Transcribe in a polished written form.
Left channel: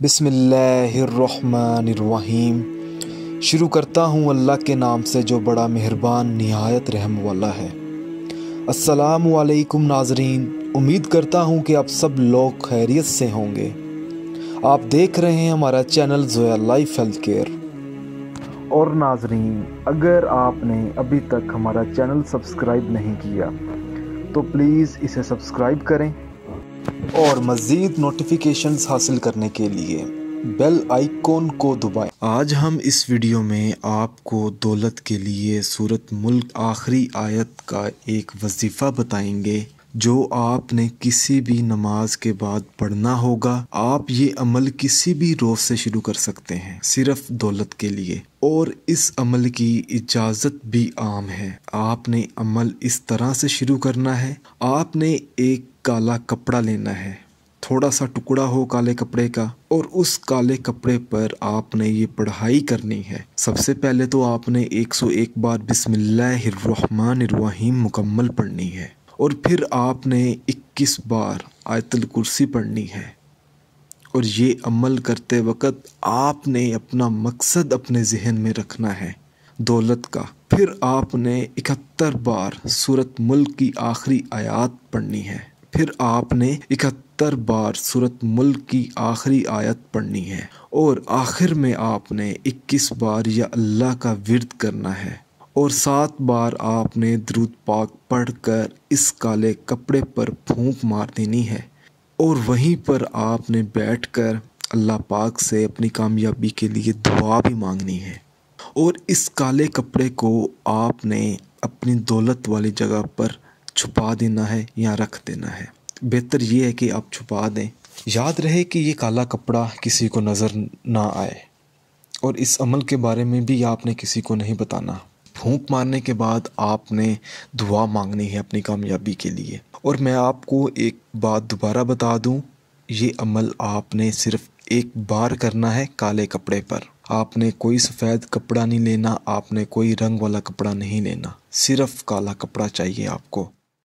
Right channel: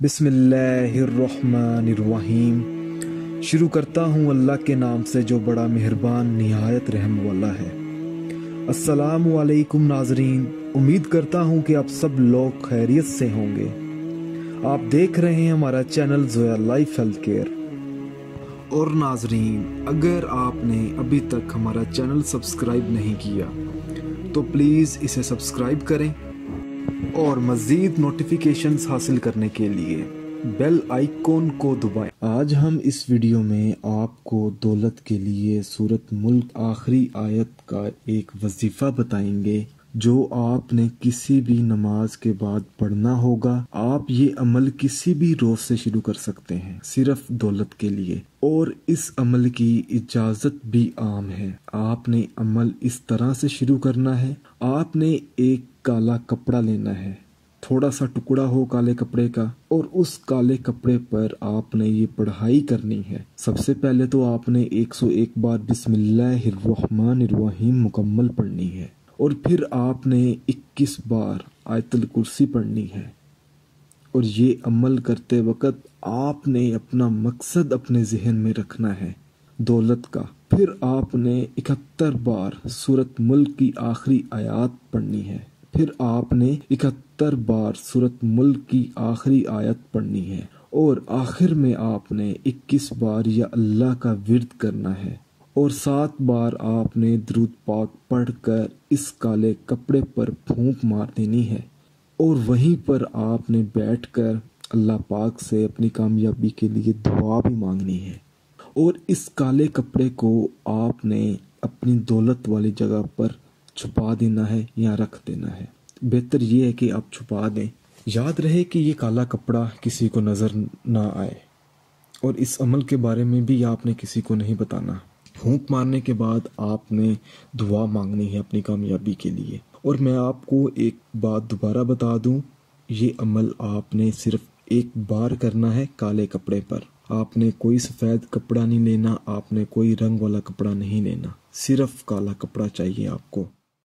बिस्मिल्लाहिर्रहमानिर्रहीम। शुरू करता हूँ अल्लाह के नाम से जो बड़ा मेहरबान निहायत रहम वाला है। अस्सलामु अलैकुम नाजरीन, उम्मीद करता हूँ कि आप सब लोग खैरियत से होंगे। आप देख रहे हैं हमारा channel Zoya life health care. और नाजरीन, अगर आपने अभी तक हमारा चैनल सब्सक्राइब नहीं किया तो प्लीज़ इसे सब्सक्राइब करें और मज़ीद नोटिफिकेशंस हासिल करने के लिए बेल आइकॉन को दबाएं। आज हम इस वीडियो में आपको दौलत के लिए सूरत मुल्क आखिरी आयत का एक वजीफ़ा बताएंगे जो आपने किसी भी नमाज के बाद पढ़ना होगा। आप ये अमल किसी भी रोज़ से शुरू कर सकते हैं, सिर्फ दौलत के लिए। और इस अमल की इजाज़त भी आम है। आपने अमल इस तरह से शुरू करना है। आपने एक काला कपड़ा लेना है, थोड़ा सा टुकड़ा हो काले कपड़े का, और उस काले कपड़े पर आपने ये पढ़ाई करनी है। सबसे पहले तो आपने 101 बार बिस्मिल्लाहिर्रहमानिर्रहीम मुकम्मल पढ़नी है, और फिर आपने 21 बार आयतुल कुर्सी पढ़नी है। और ये अमल करते वक्त आपने अपना मकसद अपने जहन में रखना है, दौलत का। फिर आपने 71 बार सूरत मुल्क की आखिरी आयत पढ़नी है। फिर आपने 71 बार सूरत मुल्क की आखिरी आयत पढ़नी है। और आखिर में आपने 21 बार या अल्लाह का विर्द करना है। और 7 बार आपने दरूद पाक पढ़कर इस काले कपड़े पर फूंक मार देनी है। और वहीं पर आपने बैठकर अल्लाह पाक से अपनी कामयाबी के लिए दुआ भी मांगनी है। और इस काले कपड़े को आपने अपनी दौलत वाली जगह पर छुपा देना है या रख देना है। बेहतर ये है कि आप छुपा दें। याद रहे कि ये काला कपड़ा किसी को नज़र ना आए। और इस अमल के बारे में भी आपने किसी को नहीं बताना। फूंक मारने के बाद आपने दुआ मांगनी है अपनी कामयाबी के लिए। और मैं आपको एक बात दोबारा बता दूं, ये अमल आपने सिर्फ एक बार करना है काले कपड़े पर। आपने कोई सफ़ेद कपड़ा नहीं लेना, आपने कोई रंग वाला कपड़ा नहीं लेना, सिर्फ काला कपड़ा चाहिए आपको।